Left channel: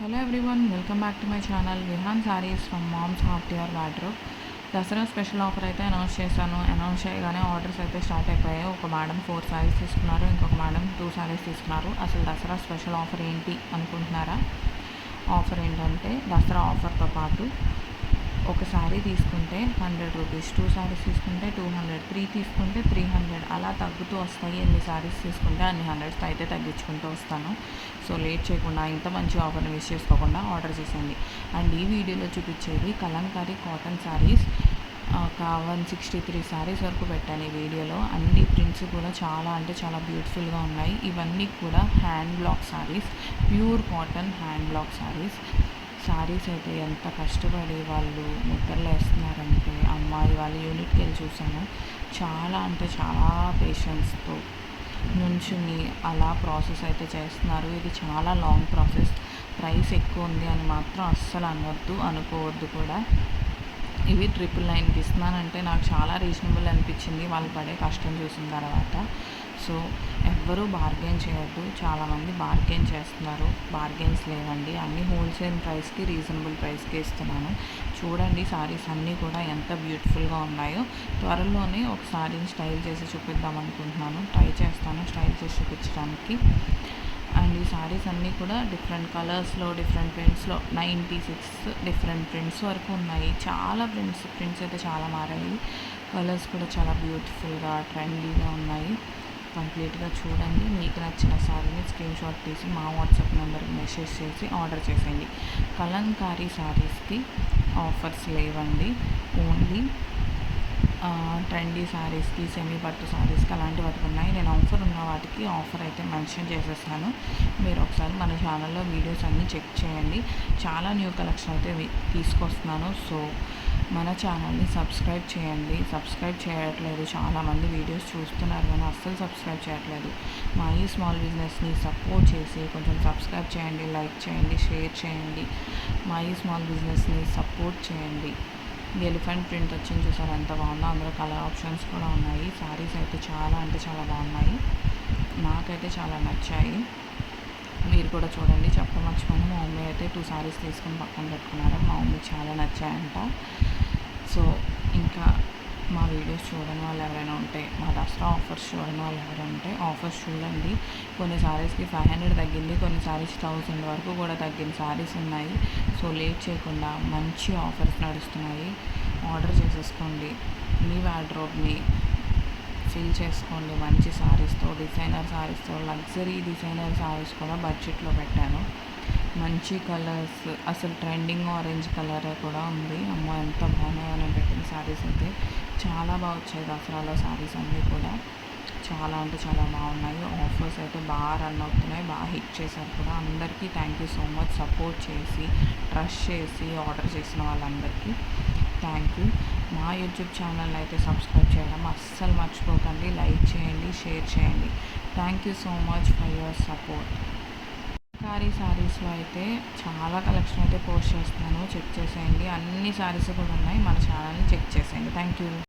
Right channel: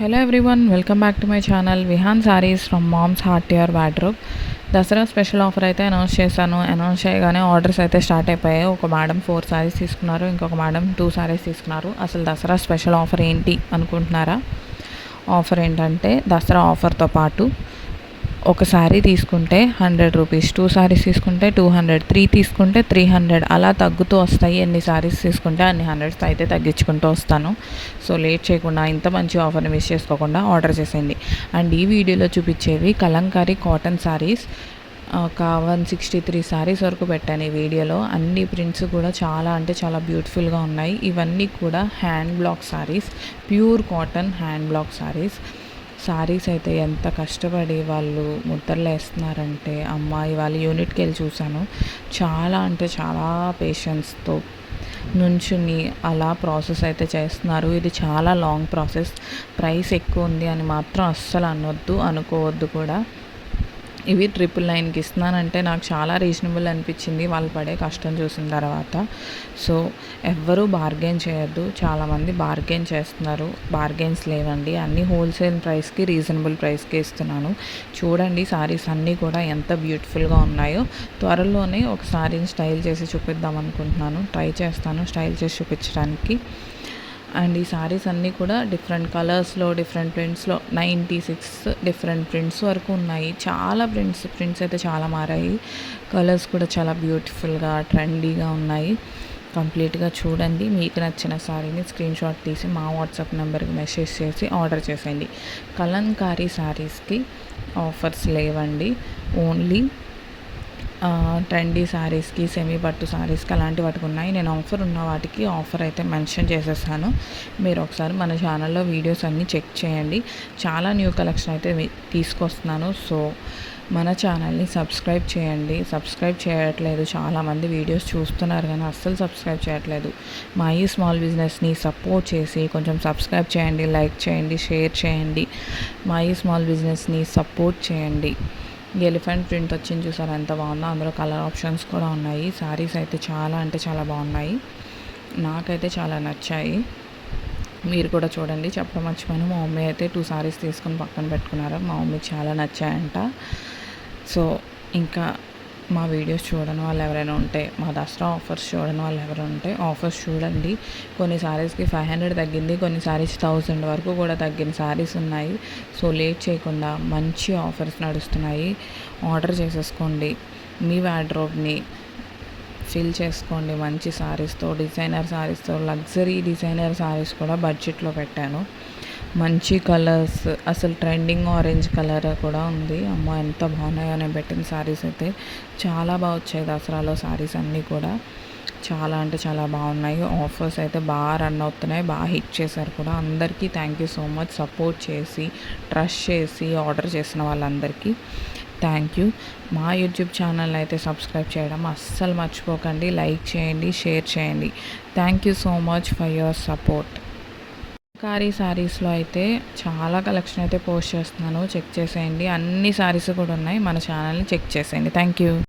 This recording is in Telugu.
Hello everyone, welcome back to my channel Vihaan Sarees from mom's heart your wardrobe. Dasara special offer అయితే అనౌన్స్ చేశాను. అనౌన్స్ చేయగానే ఆర్డర్స్ అయితే స్టార్ట్ అయిపోయాయి. ఒక మేడం 4 సారీస్ తీసుకున్నారు, ఇంకొక మేడం 2 సారీస్ తీసుకున్నారు. అసలు దసరా స్పెషల్ ఆఫర్ ఏంటి అనుకుంటున్నారా? ఆఫర్ ఏంటంటే దసరా ఆఫర్తో పాటు ఒక శారీ తీసుకుంటే 100 రూపీస్, 2 శారీస్ తీసుకుంటే 200, 3 తీసుకుంటే 300 అలా తగ్గుతూ వస్తాయి. ఎన్ని శారీస్ తీసుకుంటే అన్ని హండ్రెడ్స్ అయితే తగ్గించుకుంటూ వస్తాను. సో లేట్ చేయకుండా ఇంత మంచి ఆఫర్ని మిస్ చేసుకోకుండా ఆర్డర్ చేసేయండి. అండ్ ఈ వీడియోలో చూపించేవి కలంకారీ కాటన్ శారీస్. ఒక 163 శారీస్ వరకు పెట్టాను ఈ వీడియోలో. అన్ని ప్రింట్స్ కూడా చాలా అంటే చాలా బ్యూటిఫుల్గా ఉన్నాయి. ఇవన్నీ కూడా hand black saris, pure cotton hand black saris అయితే ఎంత కష్టపడి వాళ్ళు ముద్దర్లు వేస్తున్నారంటే, అమ్మాయి వాళ్ళ యూనిట్కి వెళ్ళి చూశాను. చాలా అంటే చాలా పేషెన్స్తో నుంచుని అలా ప్రాసెస్ అయితే చేస్తున్నారు. ఇది చాలా లాంగ్ ప్రాసెస్. ప్రైస్ ఎక్కువ ఉంది అని మాత్రం అస్సలు అనుకోవద్దు కూడా. ఇవి 999కి ఇస్తున్నానంటే నాకు చాలా రీజనబుల్ అనిపించింది వాళ్ళు పడే కష్టం చూసిన తర్వాత. సో ఎవ్వరూ బార్గెన్ చేయొద్దు. చాలామంది బార్గెన్ చేస్తున్నారు. బార్గెన్స్ లేవండి. అన్నీ హోల్సేల్ ప్రైస్కి, రీజనబుల్ ప్రైస్కి ఇస్తున్నాను. చూడండి శారీస్ అన్నీ కూడా ఎంత బ్యూటిఫుల్గా ఉన్నాయో. త్వరలోనే ఒక శారీని స్టైల్ చేసి చూపిద్దాం అనుకుంటున్నాను. ట్రై చేస్తాను స్టైల్ చేసి చూపించడానికి. అండ్ ఈ శారీస్ అన్నీ కూడా డిఫరెంట్ కలర్స్లో, డిఫరెంట్ ప్రింట్స్లో 96 డిఫరెంట్ ప్రింట్స్ వరకు ఉన్నాయి. చాలా ప్రింట్స్ అయితే చాలా మారాయి. కలర్స్ కూడా చాలా బ్యూటిఫుల్గా, ట్రెండీగా ఉన్నాయి. కంప్లీట్గా చూడండి. మీకు నచ్చిన శారీని స్క్రీన్ షాట్ తీసి మా వాట్సాప్ నెంబర్కి మెసేజ్ చేసి ఆర్డర్ చేసేయండి. కలంకారీ శారీస్కి ఆఫర్స్ లేవండి. ఓన్లీ ట్రెండీ శారీస్కి, సెమీ పట్టు శారీస్కి అలాంటి వాటికి ఉన్నాయి. నేను ఆఫర్ ఉన్న వాటికి ఆఫర్ అయితే మెన్షన్ చేసేసాను. మీరు ఒకసారి మన ఛానల్లో వీడియోస్ అన్నీ చెక్ చేయండి. చాలా న్యూ కలెక్షన్ అయితే తీసుకొస్తున్నాను. సో మన ఛానల్ని సబ్స్క్రైబ్ చేయండి. సబ్స్క్రైబ్ చేయట్లేదు చాలామంది. వీడియోస్ చూస్తున్నారు కానీ అస్సలు సబ్స్క్రైబ్ చేయట్లేదు. మా ఈ స్మాల్ బిజినెస్ని సపోర్ట్ చేసి కొంచెం సబ్స్క్రైబ్ చేయండి, లైక్ చేయండి, షేర్ చేయండి. మా ఈ స్మాల్ బిజినెస్ని సపోర్ట్ చేయండి. ఎలిఫెంట్ ప్రింట్ వచ్చింది చూసారు, ఎంత బాగుందో. అందులో కలర్ ఆప్షన్స్ కూడా ఉన్నాయి. శారీస్ అయితే చాలా అంటే చాలా బాగున్నాయి. నాకైతే చాలా నచ్చాయి. మీరు కూడా చూడండి. చెప్పడం మర్చిపోయాను, మా మమ్మీ అయితే 2 శారీస్ తీసుకుని పక్కన పెట్టుకున్నారు. మా మమ్మీకి చాలా నచ్చాయంట. సో ఇంకా మా వీడియోస్ చూడని వాళ్ళు ఎవరైనా ఉంటే, మా దసరా ఆఫర్స్ చూడని వాళ్ళు ఎవరైనా ఉంటే ఆఫర్స్ చూడండి. కొన్ని శారీస్కి 500 తగ్గింది, కొన్ని శారీస్ 1000 వరకు కూడా తగ్గిన శారీస్ ఉన్నాయి. సో లేట్ చేయకుండా మంచి ఆఫర్స్ నడుస్తున్నాయి. ఆర్డర్ చేసేసుకోండి. మీ వార్డ్రోబ్ని ఫిల్ చేసుకోండి మంచి శారీస్తో, డిజైనర్ శారీస్తో. లగ్జరీ డిజైనర్ శారీస్ కూడా బడ్జెట్లో పెట్టాను. మంచి కలర్స్, అసలు ట్రెండింగ్ ఆరెంజ్ కలర్ కూడా ఉంది. అమ్మ ఎంత బాగున్నాయో నేను పెట్టిన శారీస్ అయితే. చాలా బాగా వచ్చాయి దసరాలో శారీస్ అన్నీ కూడా. చాలా అంటే చాలా బాగున్నాయి. ఆఫర్స్ అయితే బాగా రన్ అవుతున్నాయి. బాగా హిట్ చేశారు కూడా. అందరికీ thank you so much. Support చేసి, ట్రస్ట్ చేసి ఆర్డర్ చేసిన వాళ్ళందరికీ థ్యాంక్ యూ. మా యూట్యూబ్ ఛానల్ అయితే సబ్స్క్రైబ్ చేయడం అస్సలు మర్చిపోకండి. లైక్ చేయండి, షేర్ చేయండి. Thank you so much for your support. కారీ శారీస్లో అయితే చాలా కలెక్షన్ అయితే పోస్ట్ చేస్తున్నాను. చెక్ చేసేయండి. అన్ని శారీస్ కూడా ఉన్నాయి. మన ఛానల్ని చెక్ చేసేయండి. Thank you.